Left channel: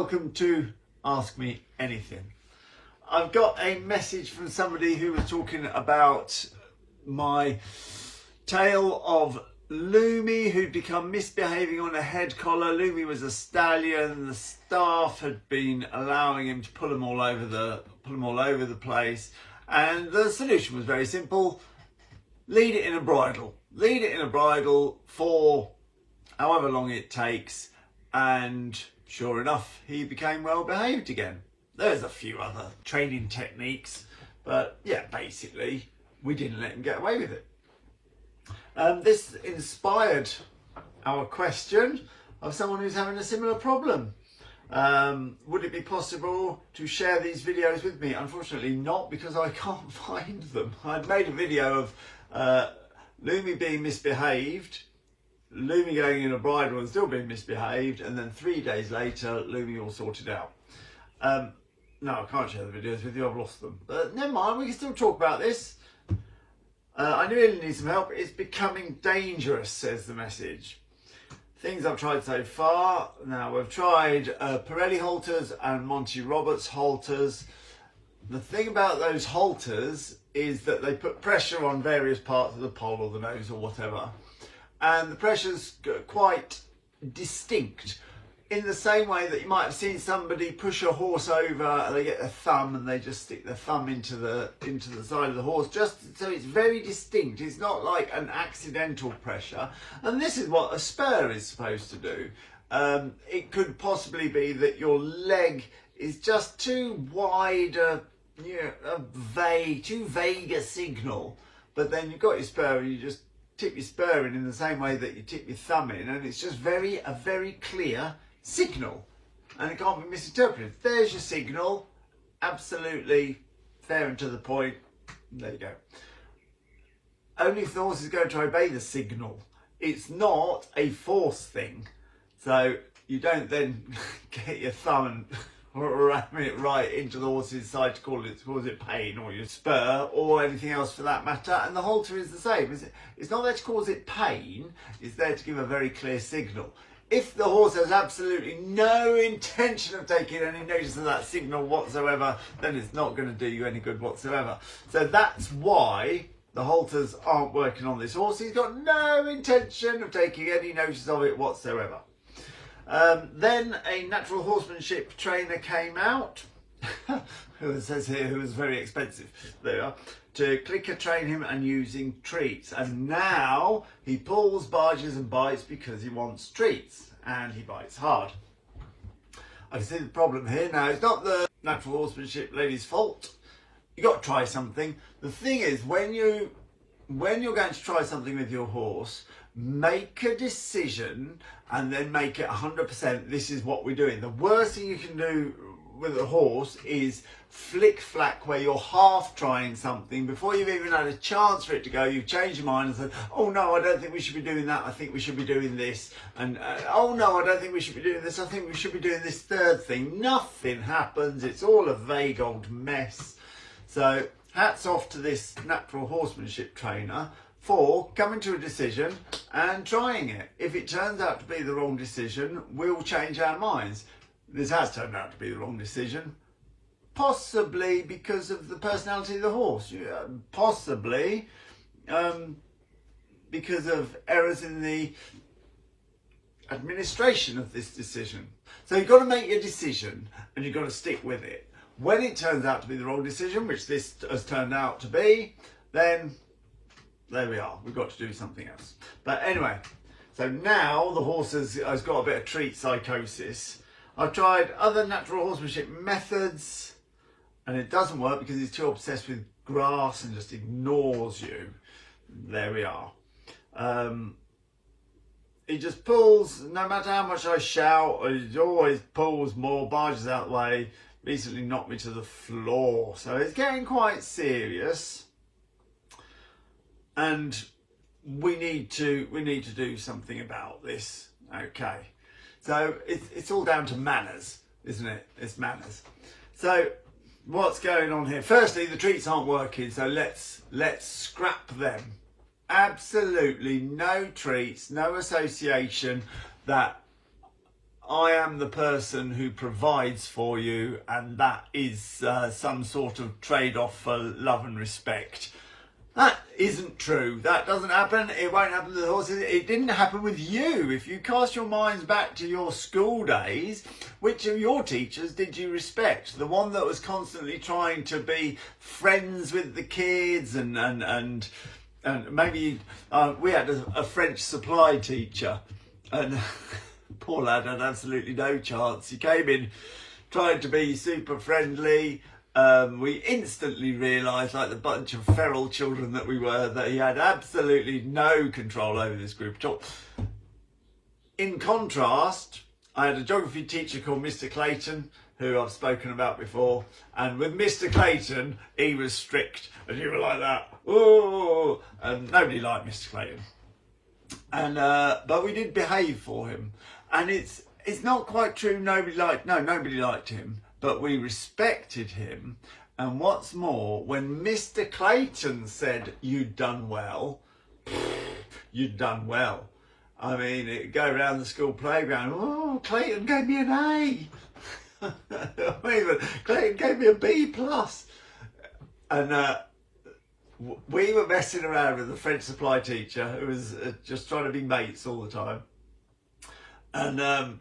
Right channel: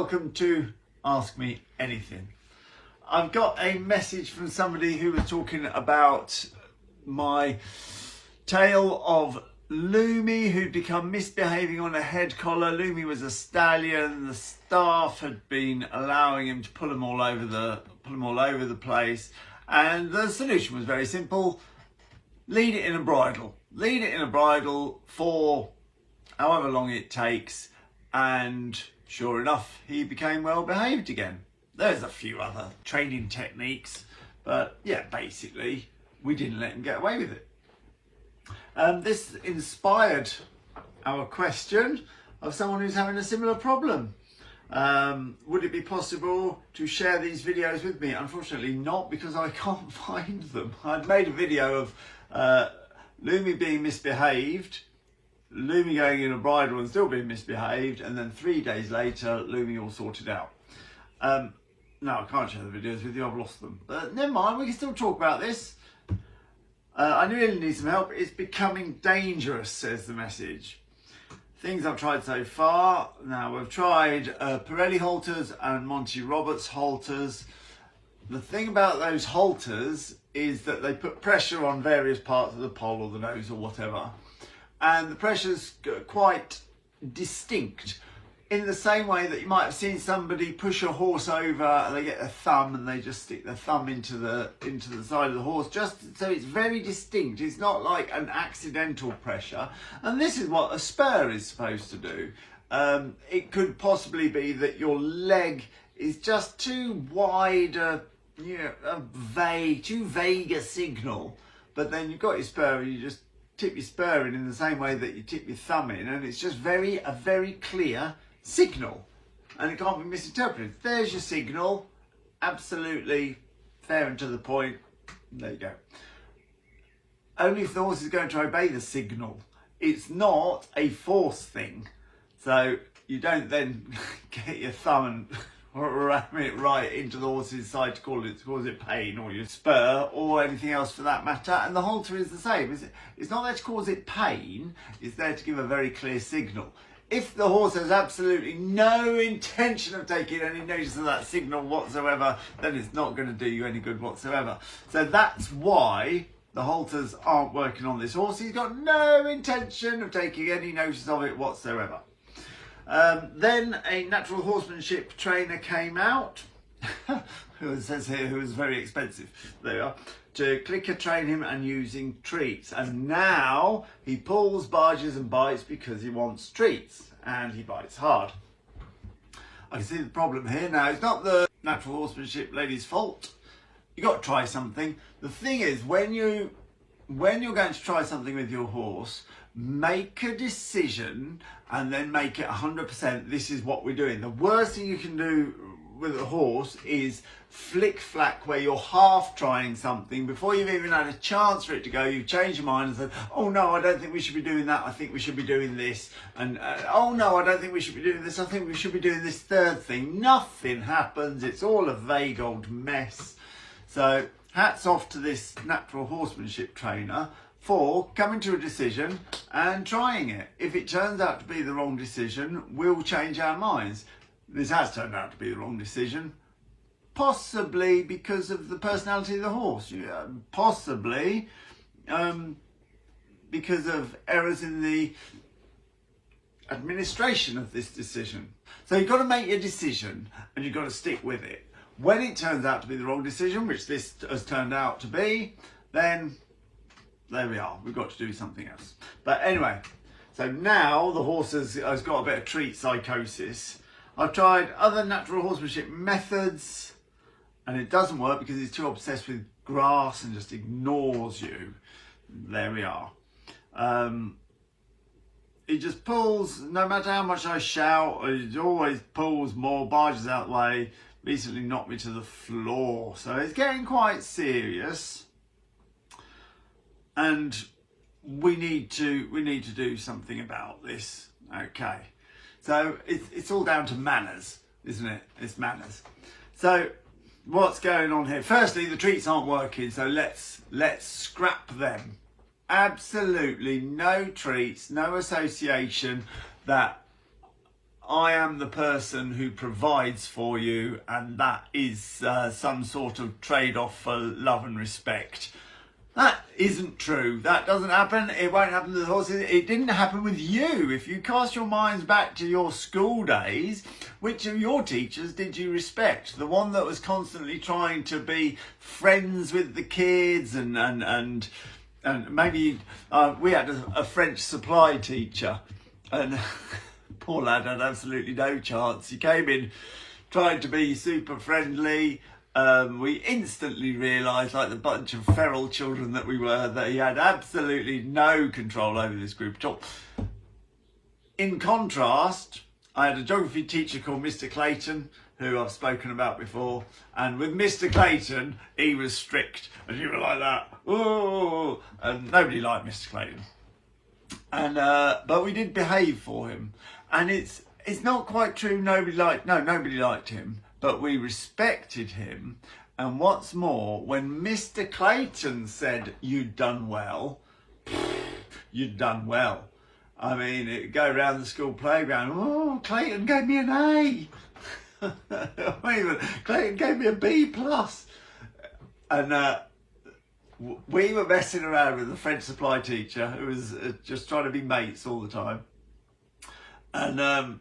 welcome to Ask Me Anything. I've got a message from somebody who was talking about my tale of Lumi, who'd become misbehaving on a head collar. Lumi was a stallion. The staff had been allowing him to pull him all over the place, and the solution was very simple: lead it in a bridle. Lead it in a bridle for however long it takes, and sure enough, he became well behaved again. There's a few other training techniques, but yeah, basically we didn't let him get away with it. This inspired our question of someone who's having a similar problem. Would it be possible to share these videos with me? Unfortunately not, because I can't find them. I'd made a video of Lumi being misbehaved, Lumi going in a bridle and still being misbehaved, and then 3 days later Lumi all sorted out. No, I can't share the videos with you, I've lost them. But never mind, we can still talk about this. I really need some help. It's becoming dangerous, says the message. Things I've tried so far. Now, we've tried Pirelli halters and Monty Roberts halters. The thing about those halters is that they put pressure on various parts of the pole or the nose or whatever. And the pressure's quite distinct, in the same way that you might have seen somebody push a horse over and they get a thumb and they just stick their thumb into the side of the horse, just so it's very distinct. It's not like an accidental pressure. And this is what a spur is supposed to do. It could possibly be that your leg is just too wide, too vague a signal, but then you've got your spur and you just tip your spur in the same way that you tip your thumb in, and it's just a very clear signal, and it can't be misinterpreted. There's your signal, absolutely fair and to the point. There you go. Only if the horse is going to obey the signal. It's not a force thing, so you don't then get your thumb and ram it right into the horse's side to cause it pain, or your spur, or anything else for that matter. And the halter is the same. It's not there to cause it pain, it's there to give a very clear signal. If the horse has absolutely no intention of taking any notice of that signal whatsoever, then it's not going to do you any good whatsoever. So that's why the halters aren't working on this horse. He's got no intention of taking any notice of it whatsoever. Then a natural horsemanship trainer came out, who it says here, who was very expensive, there you are, to clicker train him and using treats. And now he pulls, barges and bites because he wants treats, and he bites hard. I can see the problem here. Now, it's not the natural horsemanship lady's fault. You've got to try something. The thing is, when you're going to try something with your horse, make a decision and then make it 100%. This is what we're doing. The worst thing you can do with a horse is flick-flack, where you're half trying something before you've even had a chance for it to go. You've changed your mind and said, oh no, I don't think we should be doing that, I think we should be doing this, and oh no, I don't think we should be doing this, I think we should be doing this third thing. Nothing happens. It's all a vague old mess. So hats off to this natural horsemanship trainer for coming to a decision and trying it. If it turns out to be the wrong decision, we'll change our minds. This has turned out to be the wrong decision, possibly because of the personality of the horse, possibly because of errors in the administration of this decision. So you've got to make your decision and you've got to stick with it. When it turns out to be the wrong decision, which this has turned out to be, then there we are, we've got to do something else. But anyway, so now the horse has got a bit of treat psychosis. I've tried other natural horsemanship methods and it doesn't work because he's too obsessed with grass and just ignores you. There we are. He just pulls, no matter how much I shout, he always pulls more, barges out the way, recently knocked me to the floor. So it's getting quite serious. And we need to do something about this. Okay, so it's all down to manners, isn't it? It's manners. So what's going on here? Firstly, the treats aren't working, so let's scrap them. Absolutely no treats, no association that I am the person who provides for you, and that is some sort of trade-off for love and respect. That isn't true. That doesn't happen. It won't happen to the horses. It didn't happen with you. If you cast your minds back to your school days, which of your teachers did you respect? The one that was constantly trying to be friends with the kids and maybe we had a French supply teacher, and poor lad had absolutely no chance. He came in, tried to be super friendly. We instantly realised, like the bunch of feral children that we were, that he had absolutely no control over this group at all. In contrast, I had a geography teacher called Mr. Clayton, who I've spoken about before, and with Mr. Clayton, he was strict, and you were like that, oh, and nobody liked Mr. Clayton. And but we did behave for him, and it's not quite true. Nobody liked him. But we respected him. And what's more, when Mr. Clayton said, "You'd done well," you'd done well. I mean, it'd go around the school playground, "Oh, Clayton gave me an A." Even Clayton gave me a B+. And we were messing around with the French supply teacher, who was just trying to be mates all the time. And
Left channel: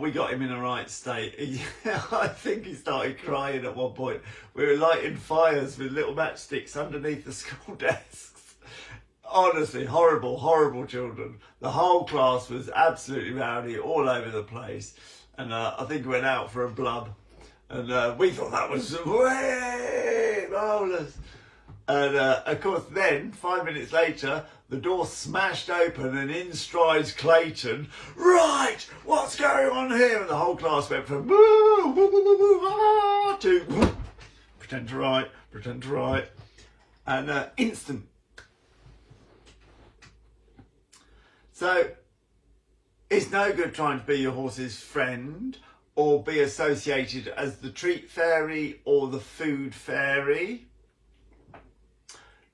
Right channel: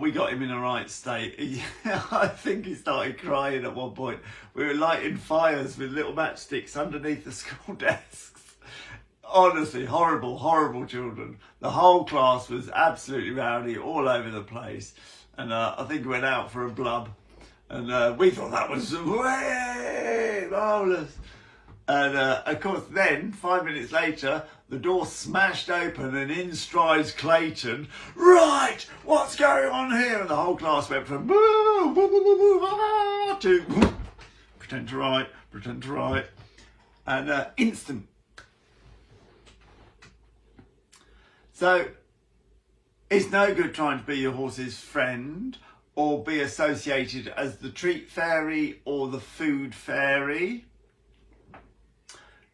we got him in a right state. I think he started crying at one point. We were lighting fires with little matchsticks underneath the school desks. Honestly, horrible, horrible children. The whole class was absolutely rowdy, all over the place. And I think we went out for a blub. And we thought that was way marvellous. And of course then, 5 minutes later, the door smashed open and in strides Clayton. "Right, what's going on here?" And the whole class went from boo, boo, boo, boo, boo, ah, to whoo, pretend to write. And instant. So it's no good trying to be your horse's friend or be associated as the treat fairy or the food fairy.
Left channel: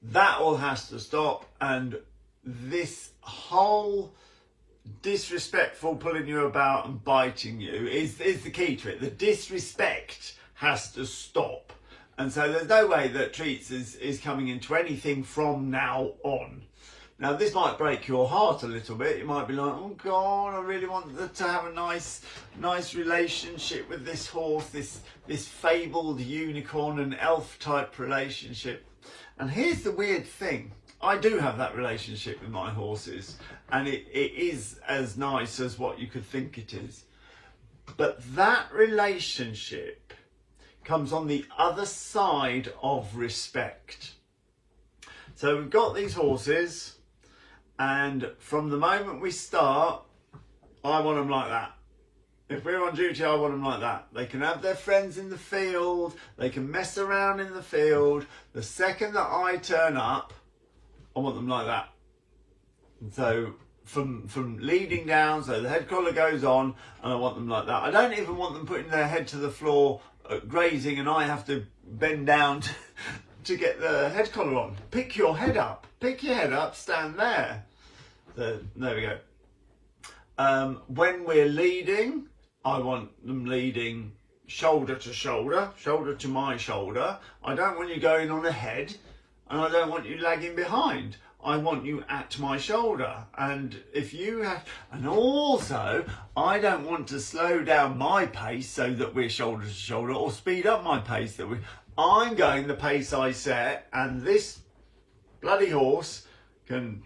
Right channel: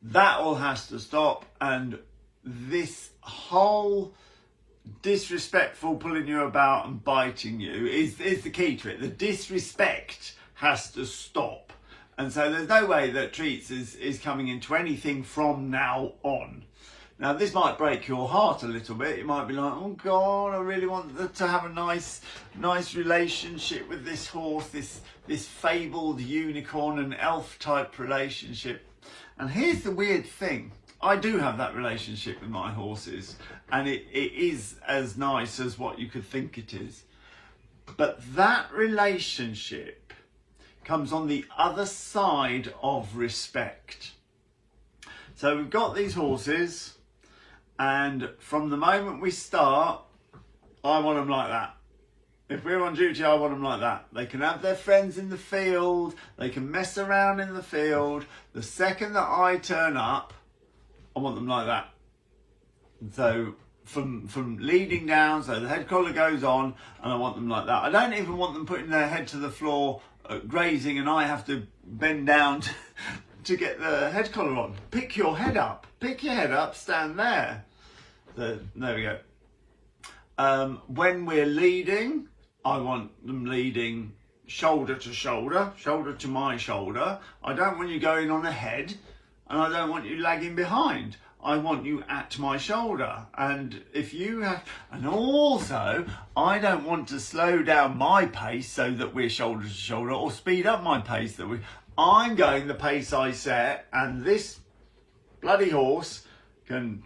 That all has to stop, and this whole disrespectful pulling you about and biting you is the key to it. The disrespect has to stop, and so there's no way that treats is coming into anything from now on. Now this might break your heart a little bit. You might be like, "Oh God, I really want to have a nice relationship with this horse, this fabled unicorn and elf type relationship." And here's the weird thing. I do have that relationship with my horses, and it is as nice as what you could think it is. But that relationship comes on the other side of respect. So we've got these horses, and from the moment we start, I want them like that. If we're on duty, I want them like that. They can have their friends in the field. They can mess around in the field. The second that I turn up, I want them like that. And so from leading down, so the head collar goes on, and I want them like that. I don't even want them putting their head to the floor, grazing, and I have to bend down to get the head collar on. Pick your head up. Pick your head up, stand there. So there we go. When we're leading, I want them leading shoulder to shoulder, shoulder to my shoulder. I don't want you going on ahead, and I don't want you lagging behind. I want you at my shoulder. And if you have, and also, I don't want to slow down my pace so that we're shoulder to shoulder, or speed up my pace I'm going the pace I set, and this bloody horse can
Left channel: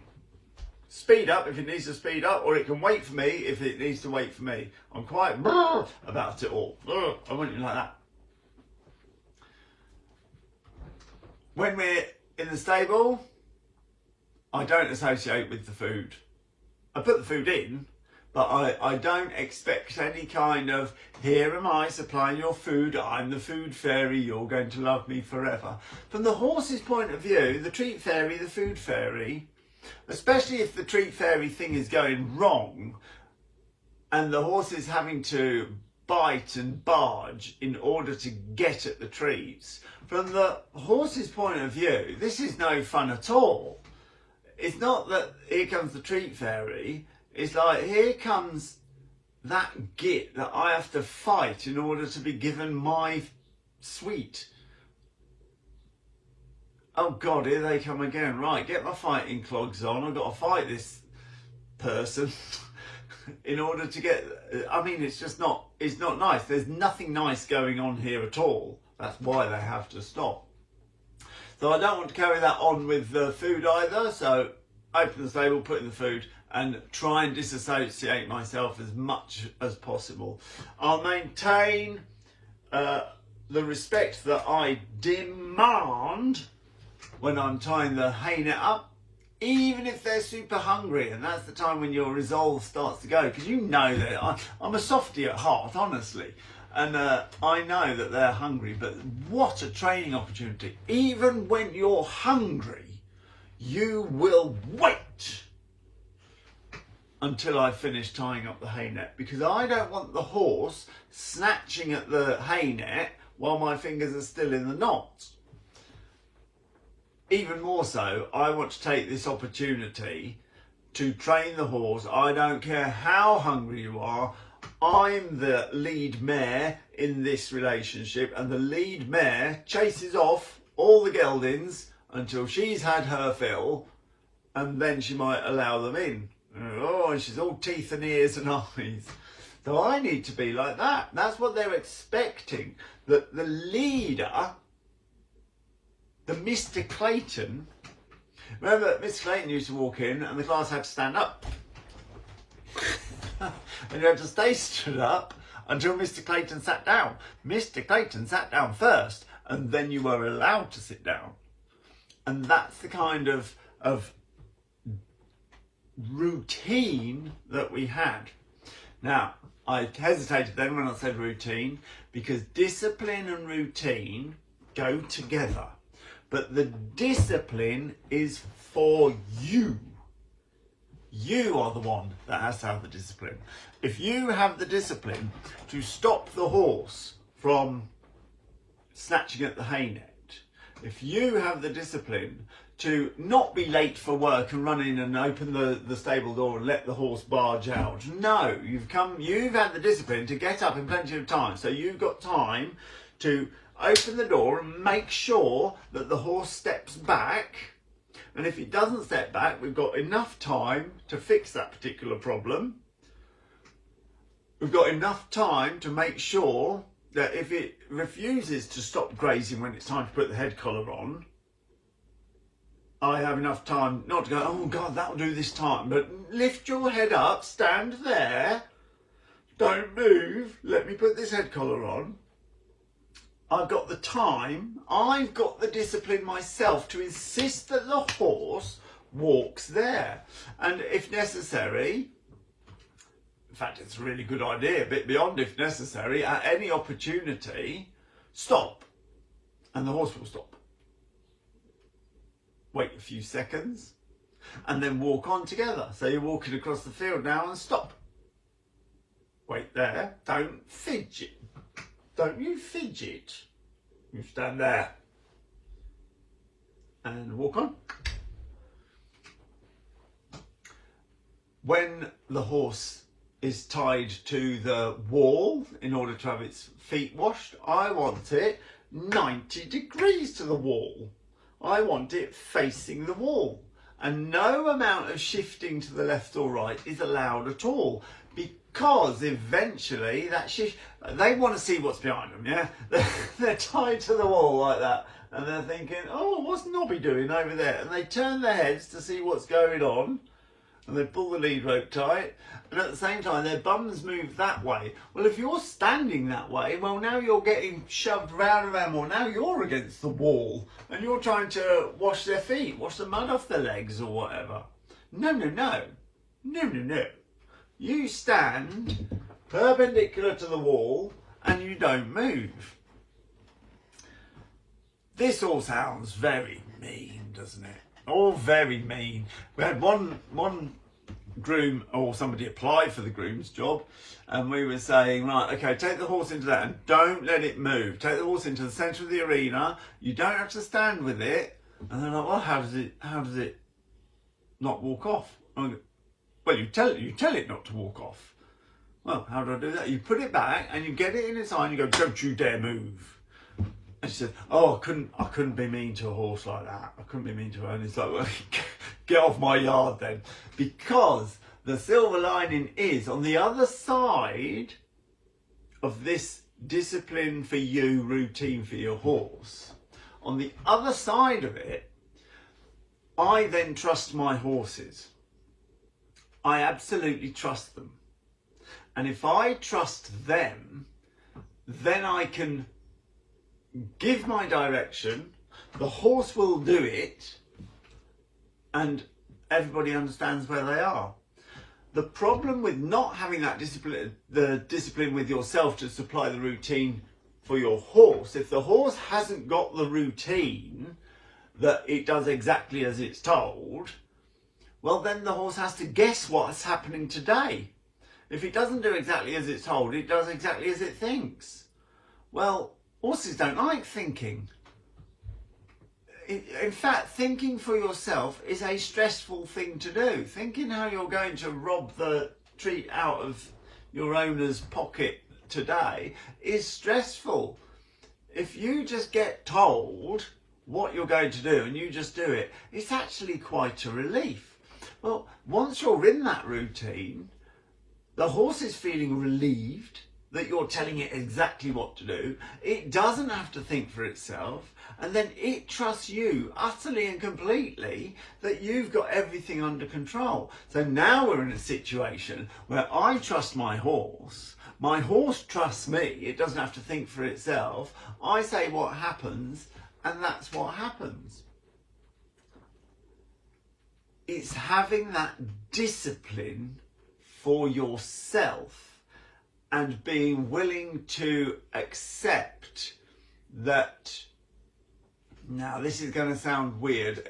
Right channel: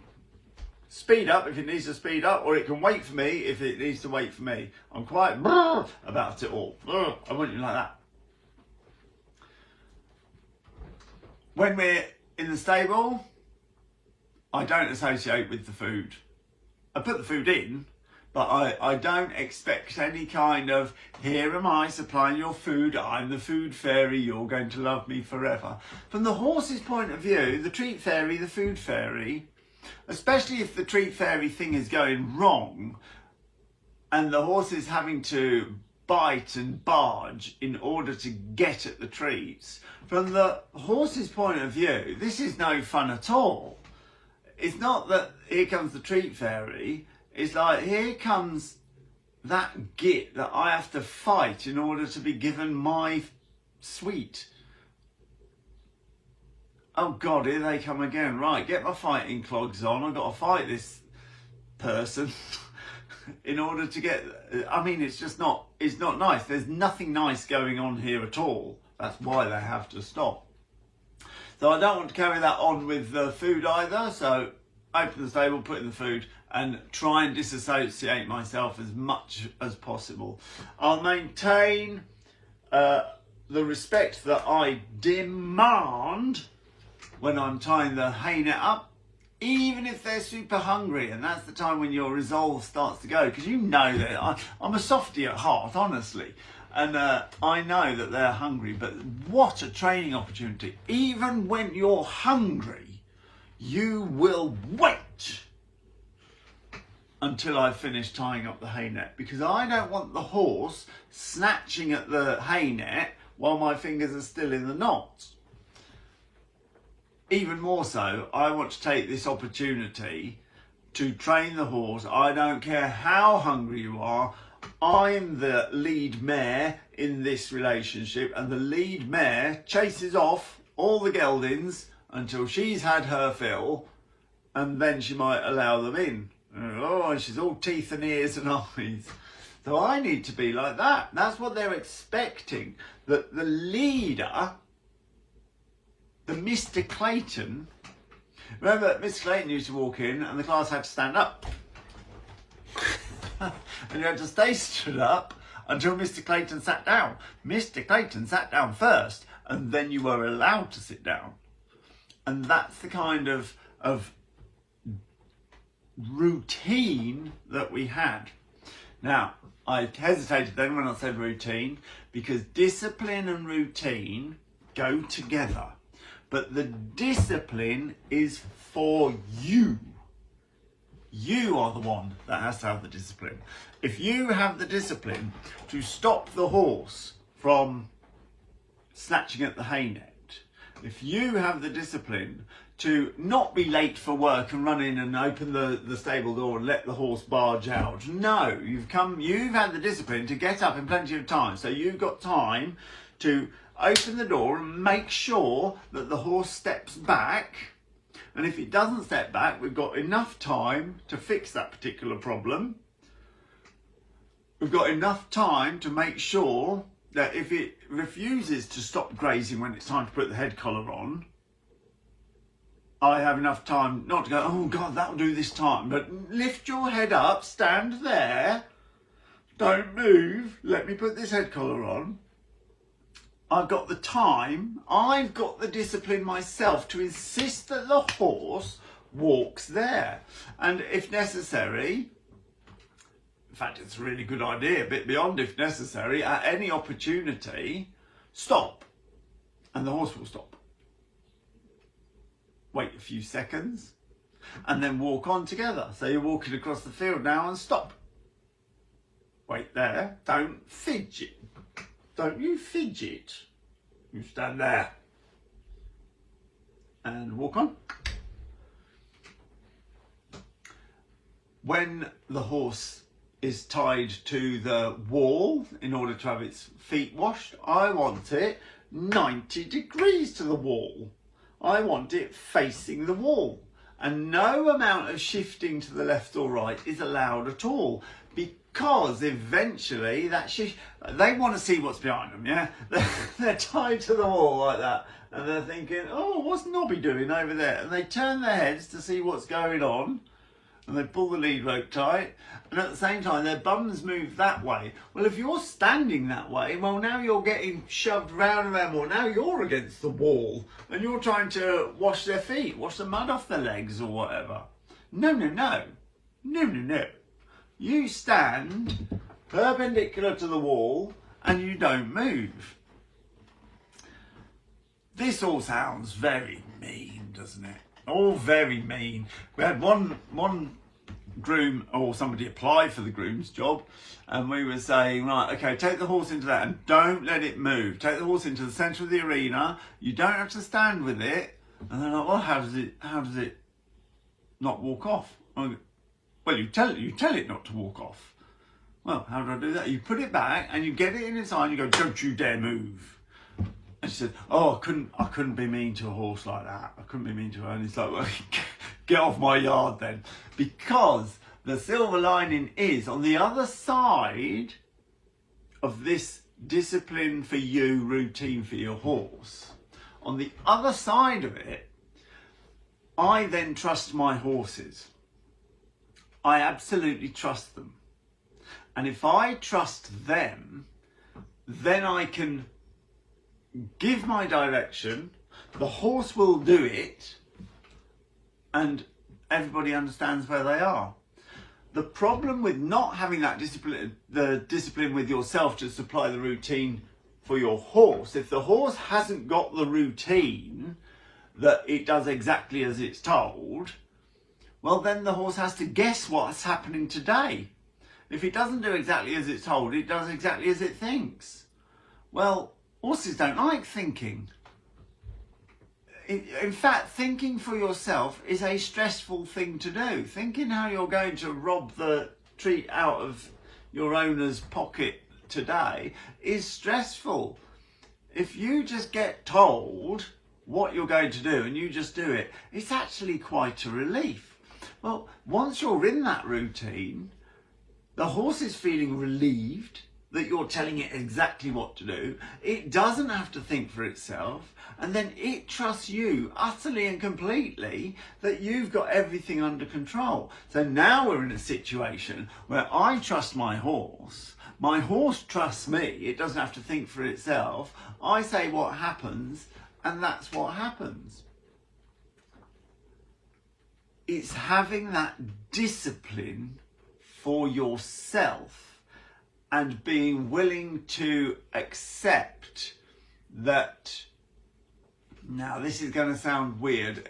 speed up if it needs to speed up, or it can wait for me if it needs to wait for me. I'm quite about it all. I want you like that. When we're in the stable, I don't associate with the food. I put the food in, but I don't expect any kind of, "Here am I supplying your food, I'm the food fairy, you're going to love me forever." From the horse's point of view, the treat fairy, the food fairy, especially if the treat fairy thing is going wrong and the horse is having to bite and barge in order to get at the treats, from the horse's point of view, this is no fun at all. It's not that here comes the treat fairy, it's like here comes that git that I have to fight in order to be given my sweet. Oh God, here they come again. Right, get my fighting clogs on. I've got to fight this person in order to get, I mean, it's not nice. There's nothing nice going on here at all. That's why they have to stop. So I don't want to carry that on with the food either. So open the stable, put in the food, and try and disassociate myself as much as possible. I'll maintain the respect that I demand when I'm tying the hay net up, even if they're super hungry, and that's the time when your resolve starts to go, because you know that I'm a softie at heart, honestly, and I know that they're hungry. But what a training opportunity. Even when you're hungry, you will wait until I finish tying up the hay net, because I don't want the horse snatching at the hay net while my fingers are still in the knot. Even more so, I want to take this opportunity to train the horse. I don't care how hungry you are. I'm the lead mare in this relationship, and the lead mare chases off all the geldings until she's had her fill, and then she might allow them in. Oh, she's all teeth and ears and eyes. So I need to be like that. That's what they're expecting, that the leader, the Mr. Clayton, remember Mr. Clayton used to walk in and the class had to stand up. And you had to stay stood up until Mr. Clayton sat down. Mr. Clayton sat down first, and then you were allowed to sit down. And that's the kind of routine that we had. Now, I hesitated then when I said routine, because discipline and routine go together. But the discipline is for you. You are the one that has to have the discipline. If you have the discipline to stop the horse from snatching at the hay net, if you have the discipline to not be late for work and run in and open the stable door and let the horse barge out, no, you've had the discipline to get up in plenty of time. So you've got time to open the door and make sure that the horse steps back. And if it doesn't step back, we've got enough time to fix that particular problem. We've got enough time to make sure that if it refuses to stop grazing when it's time to put the head collar on, I have enough time not to go, oh God, that'll do this time. But lift your head up, stand there, don't move, let me put this head collar on. I've got the time, I've got the discipline myself to insist that the horse walks there. And if necessary, in fact, it's a really good idea, a bit beyond if necessary, at any opportunity, stop. And the horse will stop. Wait a few seconds and then walk on together. So you're walking across the field now and stop. Wait there, don't fidget. Don't you fidget. You stand there and walk on. When the horse is tied to the wall in order to have its feet washed, I want it 90 degrees to the wall. I want it facing the wall. And no amount of shifting to the left or right is allowed at all, because eventually they want to see what's behind them, yeah? They're tied to the wall like that, and they're thinking, oh, what's Nobby doing over there? And they turn their heads to see what's going on, and they pull the lead rope tight, and at the same time their bums move that way. Well, if you're standing that way, well, now you're getting shoved round and round more. Now you're against the wall, and you're trying to wash their feet, wash the mud off their legs or whatever. No, no, no. No, no, no. You stand perpendicular to the wall and you don't move. This all sounds very mean, doesn't it? All very mean. We had one groom, or somebody applied for the groom's job, and we were saying, right, okay, take the horse into that and don't let it move. Take the horse into the centre of the arena. You don't have to stand with it. And they're like, well, how does it not walk off? Well, you tell it not to walk off. Well, how do I do that? You put it back and you get it in its eye and you go, don't you dare move. And she said, oh, I couldn't be mean to a horse like that. I couldn't be mean to her. And it's like, well, get off my yard then. Because the silver lining is, on the other side of this discipline for you, routine for your horse, on the other side of it, I then trust my horses. I absolutely trust them. And if I trust them, then I can give my direction, the horse will do it, and everybody understands where they are. The problem with not having that discipline, the discipline with yourself to supply the routine for your horse, if the horse hasn't got the routine that it does exactly as it's told, well, then the horse has to guess what's happening today. If it doesn't do exactly as it's told, it does exactly as it thinks. Well, horses don't like thinking. In fact, thinking for yourself is a stressful thing to do. Thinking how you're going to rob the treat out of your owner's pocket today is stressful. If you just get told what you're going to do and you just do it, it's actually quite a relief. Well, once you're in that routine, the horse is feeling relieved that you're telling it exactly what to do. It doesn't have to think for itself, and then it trusts you utterly and completely that you've got everything under control. So now we're in a situation where I trust my horse trusts me, it doesn't have to think for itself. I say what happens, and that's what happens. It's having that discipline for yourself and being willing to accept that. Now, this is going to sound weird,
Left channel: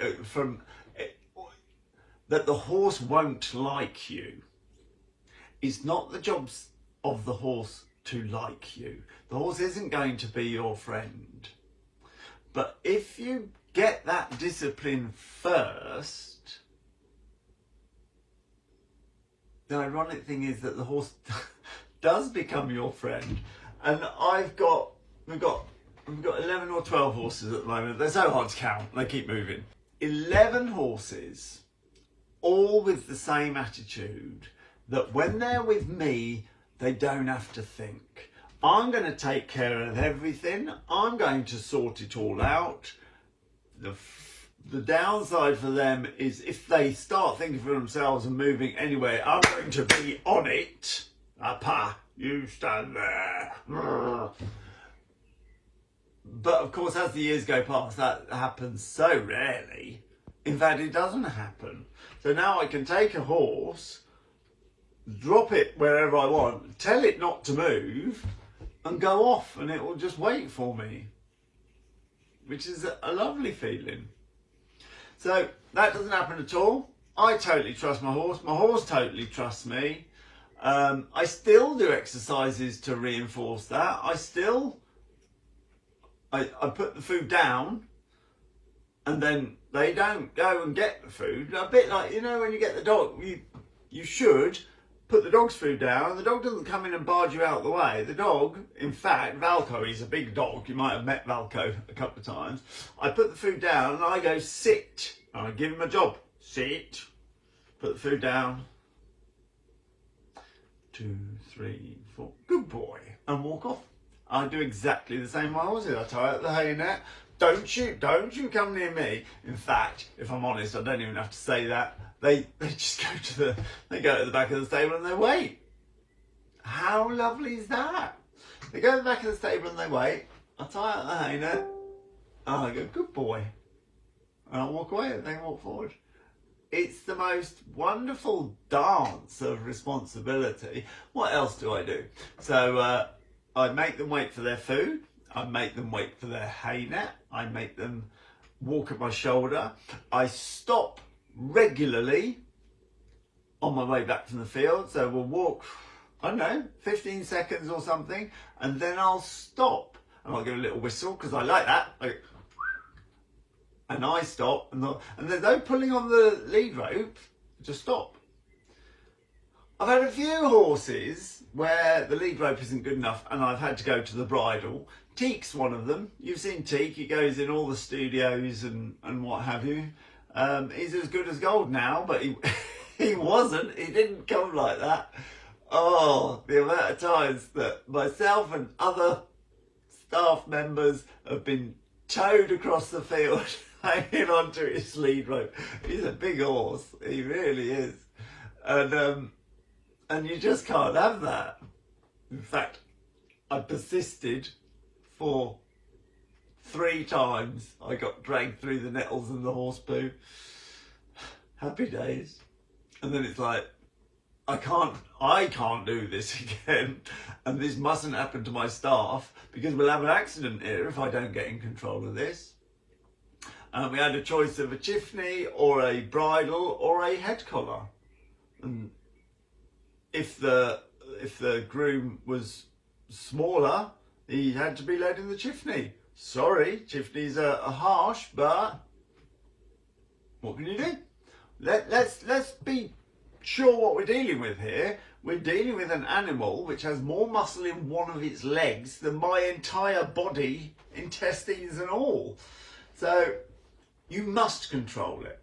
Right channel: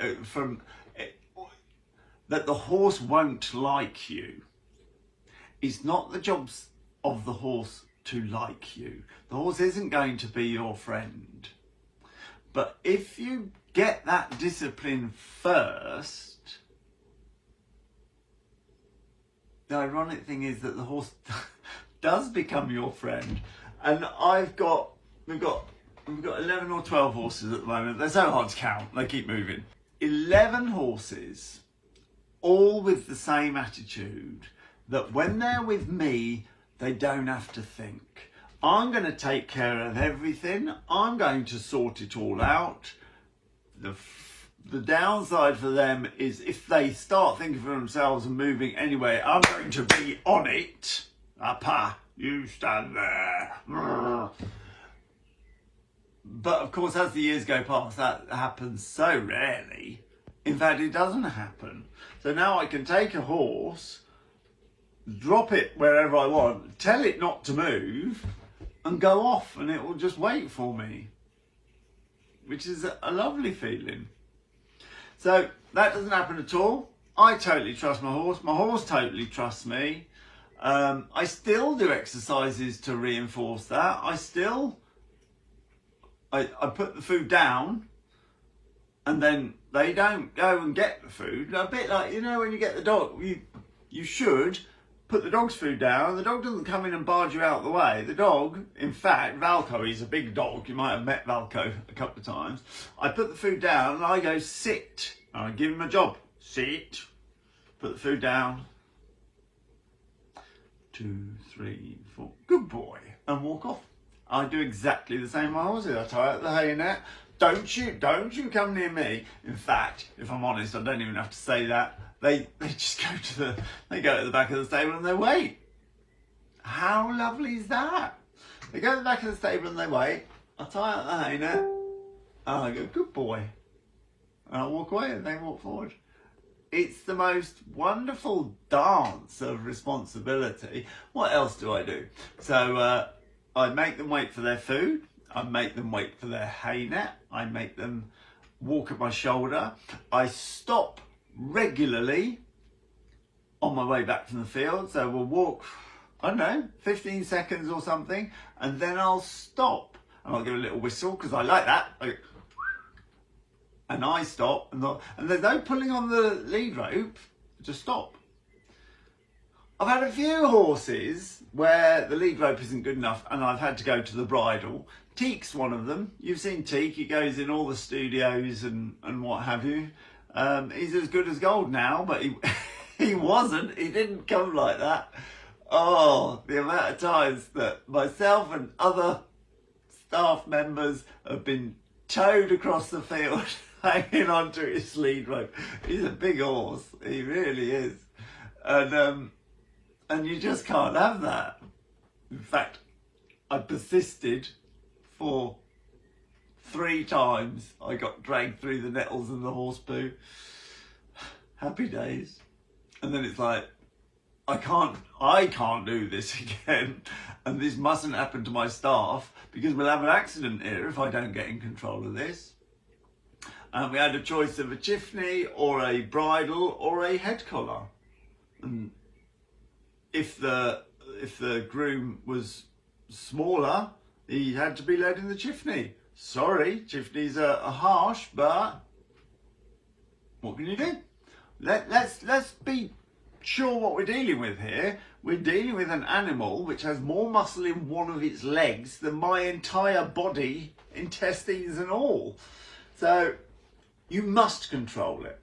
that the horse won't like you. It's not the job of the horse to like you. The horse isn't going to be your friend. But if you get that discipline first, the ironic thing is that the horse does become your friend. And we've got 11 or 12 horses at the moment. They're so hard to count, they keep moving. 11 horses, all with the same attitude, that when they're with me, they don't have to think. I'm going to take care of everything. I'm going to sort it all out. The downside for them is if they start thinking for themselves and moving anyway, I'm going to be on it. Apa, you stand there. But of course, as the years go past, that happens so rarely. In fact, it doesn't happen. So now I can take a horse, drop it wherever I want, tell it not to move, and go off, and it will just wait for me, which is a lovely feeling. So that doesn't happen at all. I totally trust my horse totally trusts me. I still do exercises to reinforce that. I put the food down, and then they don't go and get the food. A bit like, you know, when you get the dog, you should put the dog's food down. The dog doesn't come in and barge you out the way. The dog, in fact, Valco, he's a big dog. You might have met Valco a couple of times. I put the food down and I go sit. I give him a job. Sit. Put the food down. 2, 3, 4. Good boy. And walk off. I do exactly the same with my horses. I tie out the hay net. Don't you come near me. In fact, if I'm honest, I don't even have to say that. They just go to the back of the stable and they wait. How lovely is that? They go to the back of the stable and they wait. I tie out the hay net. And I go, good boy. And I walk away and they walk forward. It's the most wonderful dance of responsibility. What else do I do? So I make them wait for their food. I make them wait for their hay net. I make them walk at my shoulder. I stop regularly on my way back from the field. So we'll walk, I don't know, 15 seconds or something, and then I'll stop. And I'll give a little whistle because I like that. And I stop, and there's no pulling on the lead rope, just stop. I've had a few horses where the lead rope isn't good enough and I've had to go to the bridle. Teak's one of them. You've seen Teak, he goes in all the studios and what have you. He's as good as gold now, but he wasn't. He didn't come like that. Oh, the amount of times that myself and other staff members have been towed across the field hanging onto his lead rope. He's a big horse. He really is. And you just can't have that. In fact, I persisted for 3 times. I got dragged through the nettles and the horse poo. Happy days. And then it's like, I can't do this again. And this mustn't happen to my staff because we'll have an accident here if I don't get in control of this. And we had a choice of a chiffney or a bridle or a head collar. And if the groom was smaller, he had to be led in the chiffney. Sorry, chiffneys are harsh, but what can you do? Let's be sure what we're dealing with here. We're dealing with an animal which has more muscle in one of its legs than my entire body, intestines and all. So you must control it.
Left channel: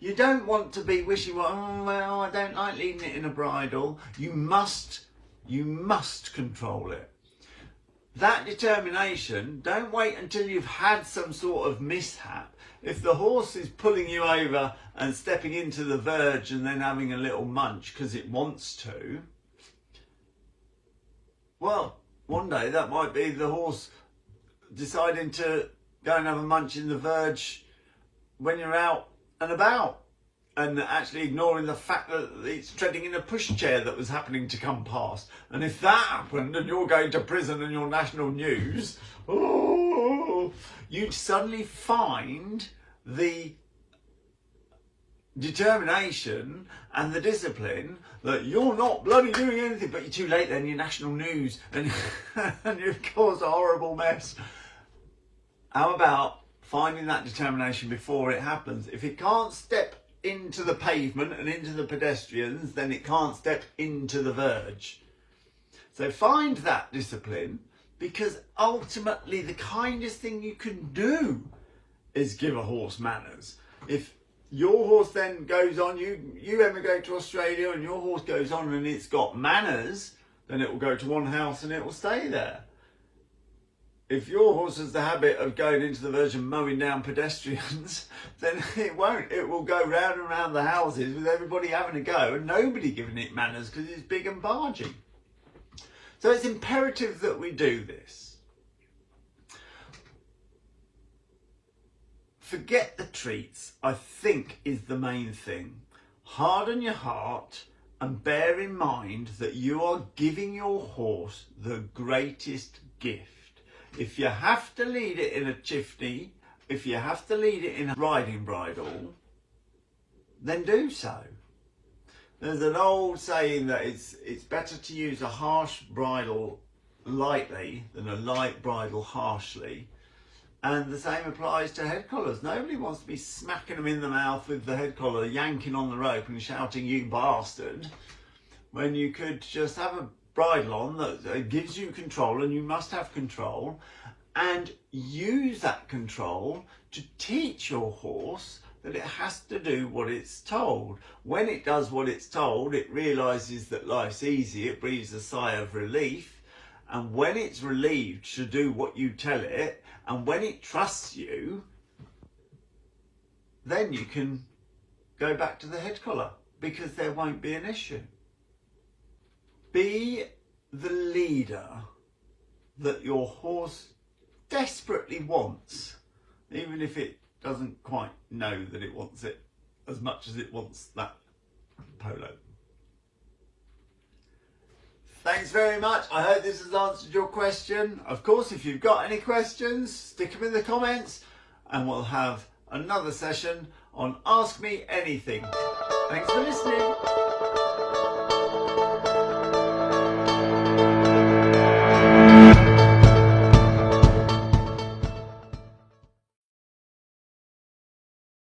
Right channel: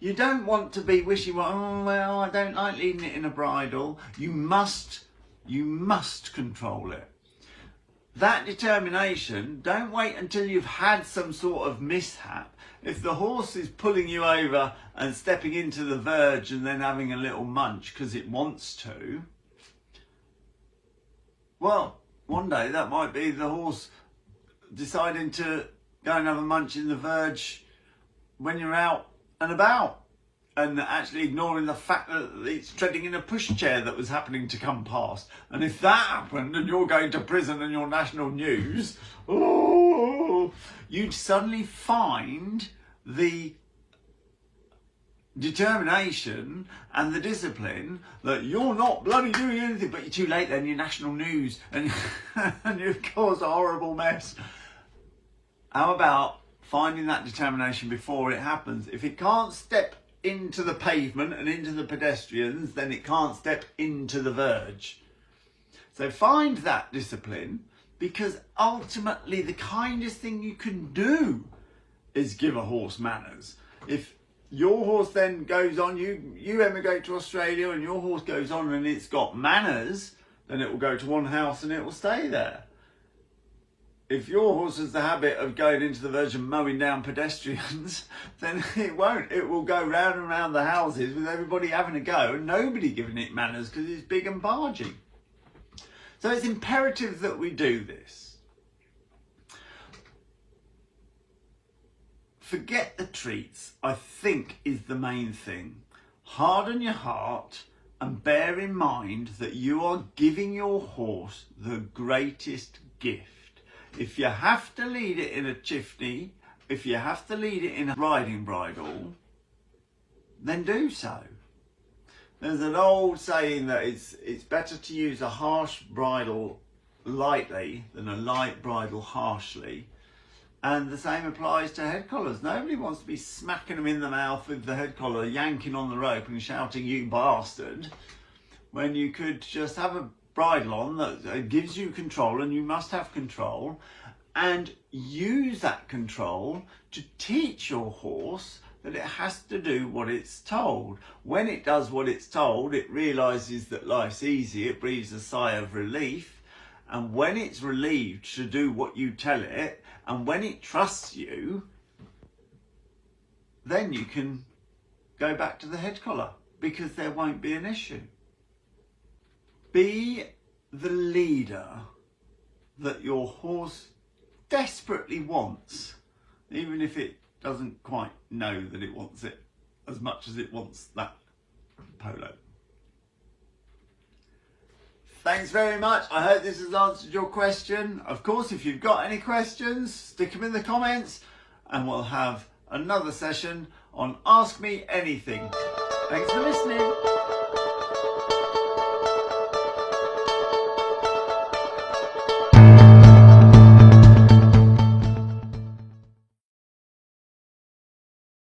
You don't want to be wishy-washy, oh, well, I don't like leading it in a bridle. You must control it. That determination, don't wait until you've had some sort of mishap. If the horse is pulling you over and stepping into the verge and then having a little munch because it wants to, well, one day that might be the horse deciding to go and have a munch in the verge when you're out and about, and actually ignoring the fact that it's treading in a pushchair that was happening to come past. And if that happened and you're going to prison and you're national news, oh, you'd suddenly find the determination and the discipline that you're not bloody doing anything, but you're too late then, you're national news, and, and you've caused a horrible mess. How about finding that determination before it happens? If it can't step into the pavement and into the pedestrians, then it can't step into the verge. So find that discipline, because ultimately the kindest thing you can do is give a horse manners. If your horse then goes on, you emigrate to Australia and your horse goes on and it's got manners, then it will go to one house and it will stay there. If your horse has the habit of going into the verge and mowing down pedestrians, then it won't. It will go round and round the houses with everybody having a go and nobody giving it manners because it's big and bargy. So it's imperative that we do this. Forget the treats, I think, is the main thing. Harden your heart and bear in mind that you are giving your horse the greatest gift. If you have to lead it in a chiffney, if you have to lead it in a riding bridle, then do so. There's an old saying that it's better to use a harsh bridle lightly than a light bridle harshly. And the same applies to head collars. Nobody wants to be smacking them in the mouth with the head collar, yanking on the rope and shouting, "You bastard," when you could just have a bridle on that gives you control, and you must have control, and use that control to teach your horse that it has to do what it's told. When it does what it's told, it realizes that life's easy, it breathes a sigh of relief, and when it's relieved to do what you tell it, and when it trusts you, then you can go back to the head collar because there won't be an issue. Be the leader that your horse desperately wants, even if it doesn't quite know that it wants it as much as it wants that polo. Thanks very much. I hope this has answered your question. Of course, if you've got any questions, stick them in the comments and we'll have another session on Ask Me Anything. Thanks for listening.